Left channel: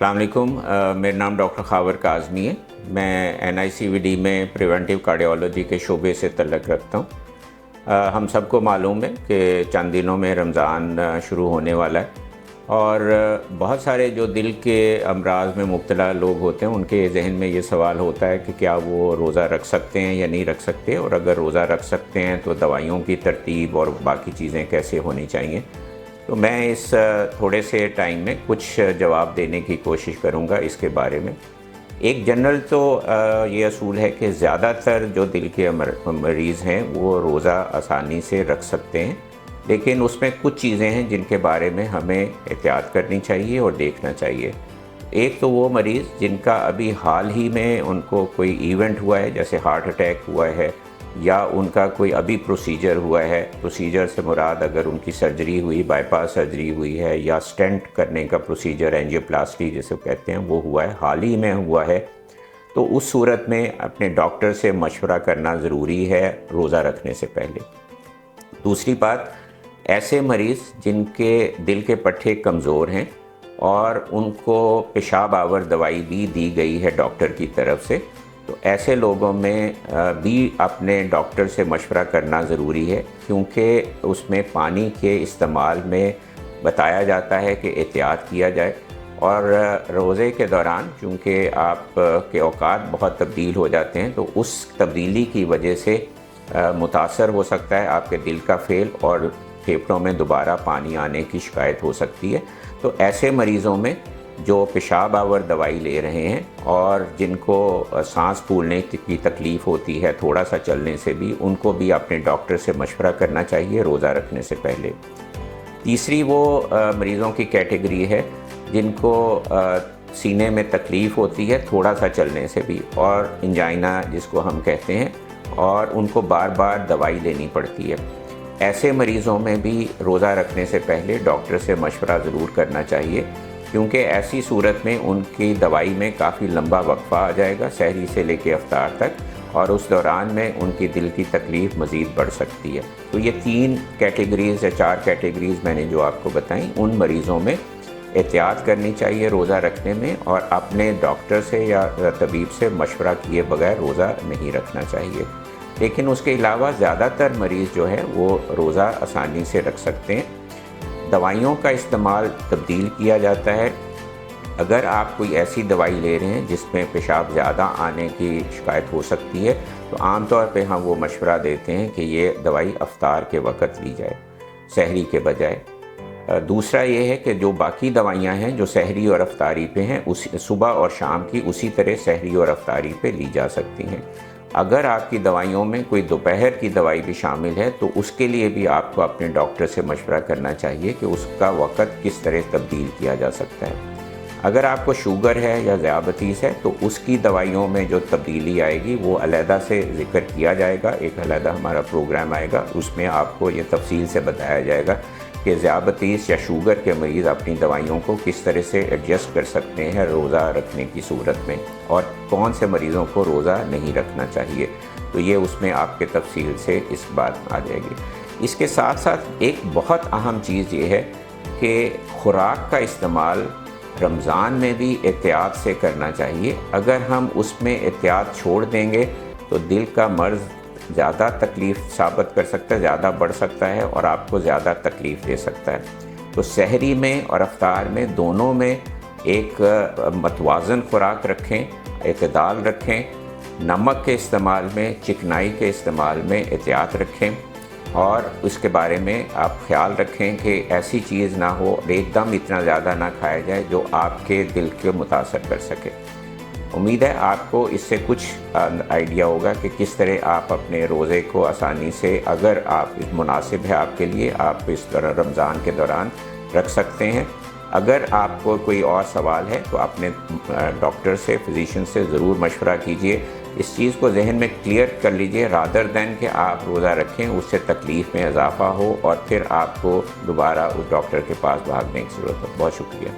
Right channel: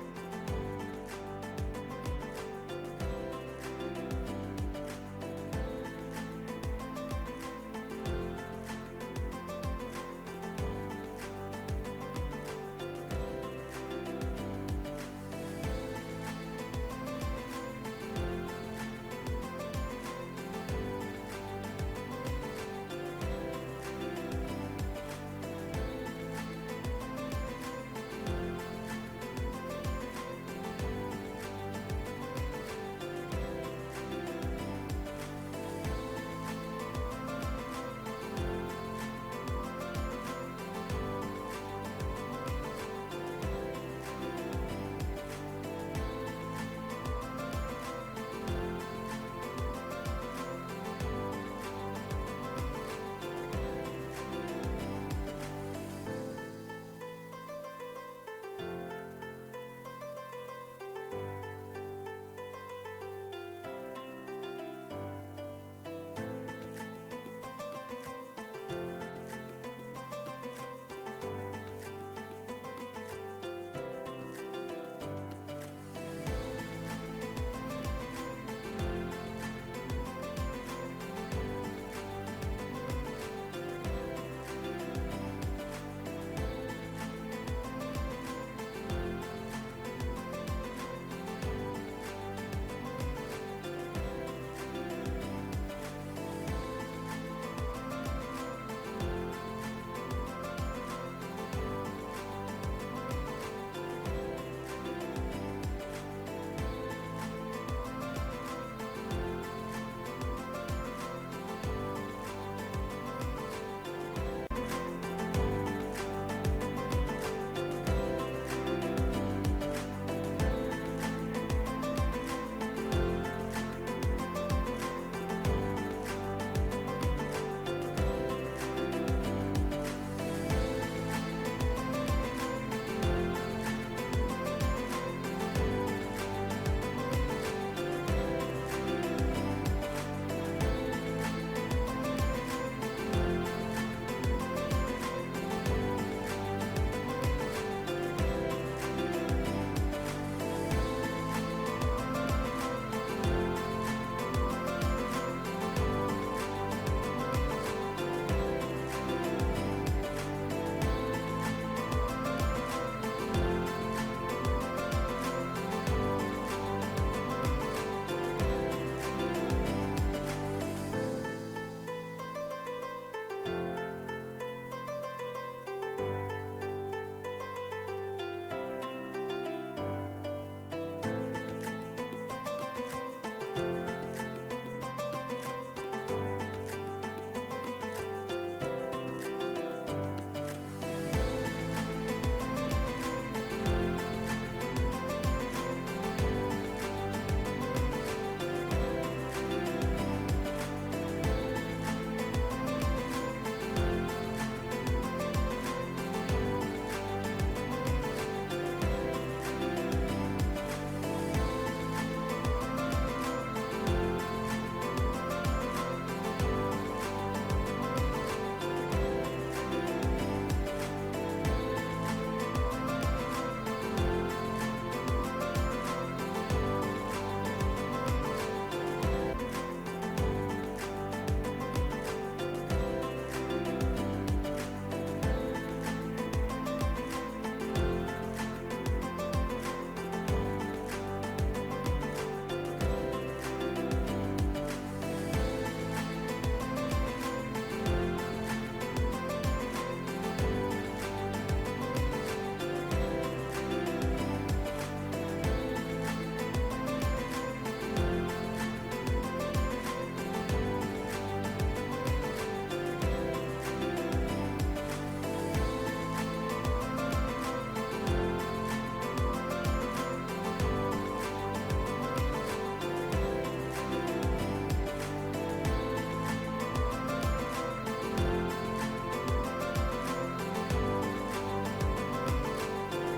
السلام علیکم، میرا نام ڈاکٹر خاور کاظمی ہے۔ میں NICVD میں پریونٹیو کارڈیالوجی کے شعبے سے تعلق رکھتا ہوں۔ ہم سب کو معلوم ہے کہ چند دنوں میں رمضان شروع ہونے والا ہے، اور بہت سارے جو دل کے امراض میں مبتلا لوگ ہوتے ہیں ان کے ذہن میں یہ سوال ہوتا ہے کہ کیا وہ روزہ رکھ سکتے ہیں یا نہیں رکھ سکتے، اور اگر روزہ رکھ سکتے ہیں تو دوائیوں کی ترتیب اور باقی چیزیں کیسے ہونی چاہیے۔ تو میں اس تھوڑے سے ٹائم میں کچھ جواب دینے کی کوشش کروں گا اس کے بارے میں۔ ایک جنرل تو یہ اصول ہے کہ زیادہ تر جو دل کے مریض ہیں وہ روزہ آسانی سے رکھ سکتے ہیں، لیکن اس میں کچھ چیزیں ہیں جن کے بارے میں ہمیں احتیاط کرنی چاہیے اور دیکھنا چاہیے۔ ایک تو وہ مریض جن کا ابھی حال ہی میں ان کو کوئی ایونٹ ہوا ہے، جیسے ہارٹ اٹیک ہوا ہے یا ان کا کوئی ابھی پروسیجر ہوا ہے۔ پروسیجر سے مراد اگر ان کی سرجری ہوئی، بائی پاس سرجری ہوئی ہے، یا سٹینٹ کرنے کا پروسیجر، اینجیوپلاسٹی جسے کہتے ہیں، وہ ہوا ہے، حال ہی میں ہوا ہے، تو اس صورت میں اپنے ڈاکٹر سے مشورہ کرنا ضروری ہے روزہ رکھنے سے پہلے۔ دوسری بات، ایسے مریض جن کے دل کے پٹھے کمزور ہیں اور ان کو پیشاب آور دوائی بھی دی گئی ہے ڈاکٹر کی طرف سے، تو ایسے لوگوں میں بھی اپنے ڈاکٹر سے مشورہ کرنا ضروری ہے، کیونکہ اس میں پانی کے استعمال میں بتایا جاتا ہے کہ احتیاط کیا جائے، اور روزے کے دوران چونکہ آپ کے اوقات بہت تبدیل ہو جاتے ہیں، تو اس تبدیلی کی وجہ سے متاثر ہو سکتا ہے آپ کے دل کا فعل، اور پھیپھڑوں میں دوبارہ پانی آنے کی شکایت ہو سکتی ہے۔ تو ایسے مریضوں میں جو پیشاب آور دوائی لے رہے ہیں اور جن کو سانس پھولنے کی تکلیف ہوتی ہے تھوڑا سا چلنے سے بھی، ان کو بھی اپنے ڈاکٹر سے مشورہ کرنا چاہیے روزہ رکھنے سے پہلے۔ تیسری وہ مریضوں کی کیٹیگری ہے جن کو سینے میں تکلیف ہوتی ہے تھوڑا سا چلنے سے بھی، اور انجائنا جس کو ہم کہتے ہیں، اور ان کو بار بار دوائی لینی پڑتی ہے۔ ایسے مریضوں میں بھی روزہ رکھنے سے پہلے ڈاکٹر سے مشورہ ضرور کرنا چاہیے، کیونکہ ایسی صورت میں ان کی دوائی میں کافی لمبا وقفہ آ جائے گا، سحری سے لے کے افطار تک، اور اس دوران میں ان کی دل کی تکلیف مزید بڑھ سکتی ہے۔ تو یہ 3 کیٹیگریز یا 4 کیٹیگریز میں نے جو آپ کو بتائیں، ان مریضوں میں احتیاط کرنی چاہیے روزہ رکھنے میں، اور اپنے ڈاکٹر سے یا طبیب سے مشورہ کیے بغیر روزہ نہیں رکھنا چاہیے۔ لیکن اس کے علاوہ زیادہ تر مریض جو ہے وہ روزہ آسانی سے رکھ سکتے ہیں۔ دوائیوں کا استعمال تبدیل کیا جاتا ہے۔ اگر آپ کوئی ایسی دوائی لے رہے ہیں جس میں پیشاب زیادہ آنے کی شکایت ہو سکتی ہے، تو عام طور پہ ہم وہ مشورہ دیتے ہیں کہ یہ دوائی افطار کے وقت لی جائے، سحری کے بجائے۔ دوسرا یہ ہے کہ جو باقی دوائیاں ہیں جو سحری اور افطاری پہ ہیں، صبح اور شام کی اسی طرح سحری اور افطاری پہ لی جا سکتی ہیں۔ اگر آپ کی دوائیوں میں کوئی دوپہر کی دوائی بھی شامل ہے تو اس کے لیے بھی آپ کو اپنے ڈاکٹر سے مشورہ کرنا چاہیے کہ اس کا وقت کس طرح تبدیل کیا جا سکتا ہے۔ اگر آپ کو شوگر ہے یا ذیابیطس ہے تو اس کی دوائیوں میں جو تبدیلی آئے گی وہ علیحدہ سے ذکر کیا جائے گا، ایک علیحدہ ہمارا پروگرام آئے گا، اس میں آپ کو یہ تفصیل سے بتایا جائے گا کہ ذیابیطس یا شوگر کے مریض اپنی دوائیوں کو کس طرح سے ایڈجسٹ کر سکتے ہیں روزہ رکھنے کی صورت میں، اور کون سے مریضوں کو روزہ نہیں رکھنا چاہیے۔ تو یہ اس میں آپ کے تفصیل سے اس بات آ جائے گی۔ اس کے ساتھ ساتھ ایک بہت اہم چیز یہ ہے کہ خوراک کا استعمال رمضان میں بھی احتیاط سے کرنا چاہیے۔ اگر ہم اس میں احتیاط چھوڑ دیں گے تو دل کا مرض زیادہ تکلیف ثابت کر سکتا ہے، زیادہ بڑھ سکتا ہے، اور آپ کو زیادہ تکلیف دے سکتا ہے۔ تو سحری میں اور افطار میں دونوں میں ایک متوازن خوراک رکھیں، اعتدال رکھیں، نمک کے استعمال میں، چکنائی کے استعمال میں احتیاط رکھیں، اور اس کے بارے میں آپ خیال رکھیں کہ ایسی چیز نہ ہو، ایک دم اتنا زیادہ نہ کھایا جائے جو آپ کے دل کو متاثر کر سکے۔ امید ہے آپ کو اس سے کچھ آئیڈیا ہوگا کہ کس طرح آپ اپنے روزے کو آسانی سے، اگر آپ مناسب ہے آپ کے لیے، آپ اس طرح رمضان کے دوران رکھ سکتے ہیں۔ اگر آپ کو کوئی اور سوال ہے تو اپنے ڈاکٹر سے، فزیشین سے ضرور مشورہ کیجیے۔ اس چیز کو ذہن میں کلیئر کر لیجیے، رادر دین کہ آپ روزہ رکھیں، اس سے تکلیف میں اضافہ ہو اور پھر آپ کو دوبارہ اس ڈاکٹر کے پاس بھاگنے کی ضرورت ہے۔ بہت شکریہ۔